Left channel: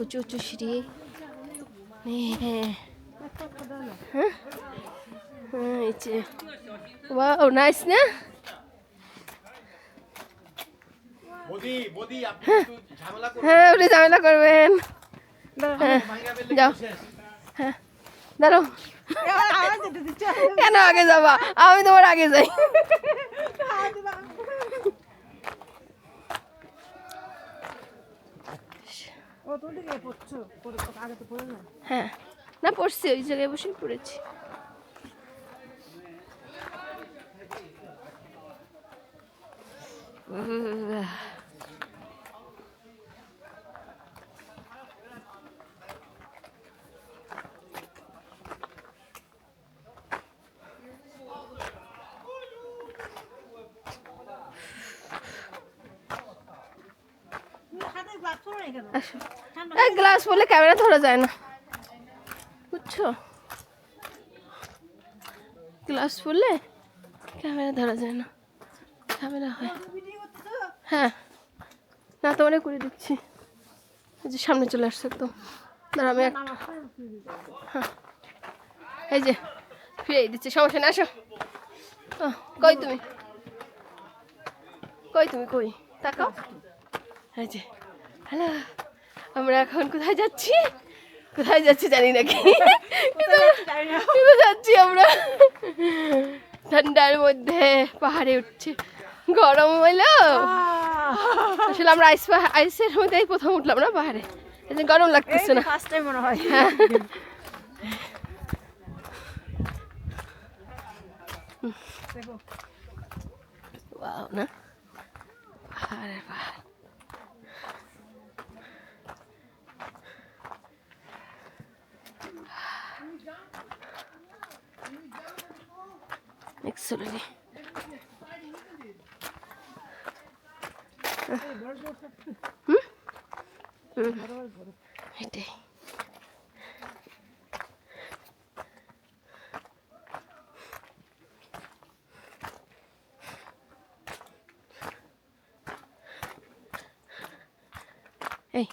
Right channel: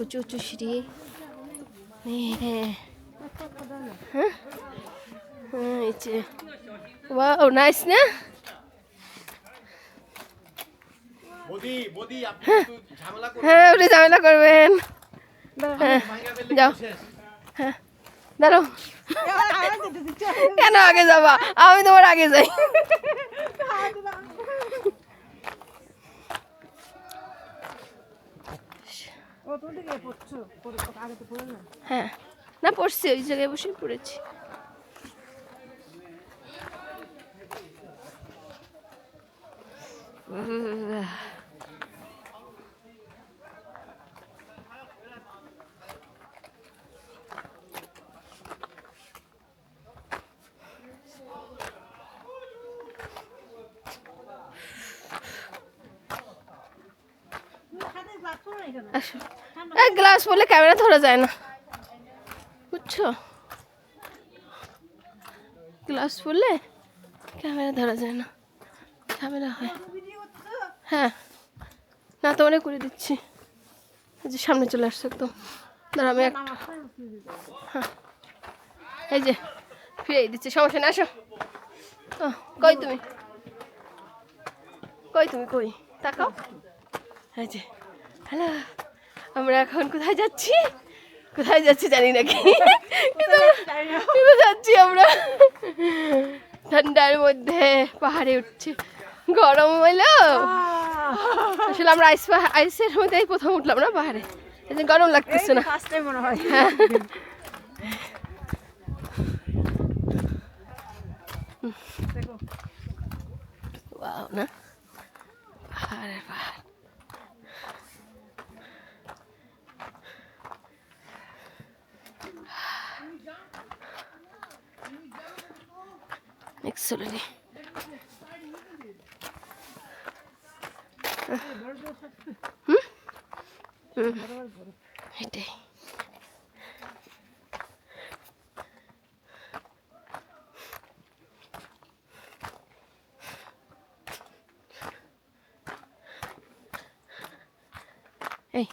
উঁচু উঁচু সিঁড়ি। হ্যাঁ হ্যাঁ হ্যাঁ, এই যে ওয়াও নাইস না? হ্যাঁ উনি ঝামেলা করবেন। হ্যাঁ যাও। হ্যাঁ দাঁড়াও। কেন আগে যাবা? আমি তোমার আগে যাই। হ্যাঁ না পড়ছি, ওই জায়গায় বসে পড়েছি। গ্লাস বলে ক্যামেরা ধরা যায় না, বুঝছো? গ্লাস পরলে ক্যামেরা ধরা যায় না, ঝামেলা হয়। হ্যাঁ না তো অনেক করে দিচ্ছি, এই যে সামনে চলে আসছে একদম। দাঁড়া আমি একটু, হ্যাঁ এই যে ফিরে দিচ্ছি, সমস্যা না। আসো। কই তুমি, কই তুমি, কই তাকাও। এই যে হ্যালো, আমরা এখন কোথায় যাচ্ছি? কোথায় যাচ্ছি জানি না, কি কিন্তু যাচ্ছি আমরা ঠান্ডার মধ্যে, পাহাড়ে উঠছি। গরম হইলো আসলে, আমরা আইসের মধ্যে প্রথম উঠলাম না পাহাড়ে, এই যে গরম লাগতেছে না। মনে হয় ওয়াও না, পাহাড়ের পাহাড়। Excellent. এটাই এই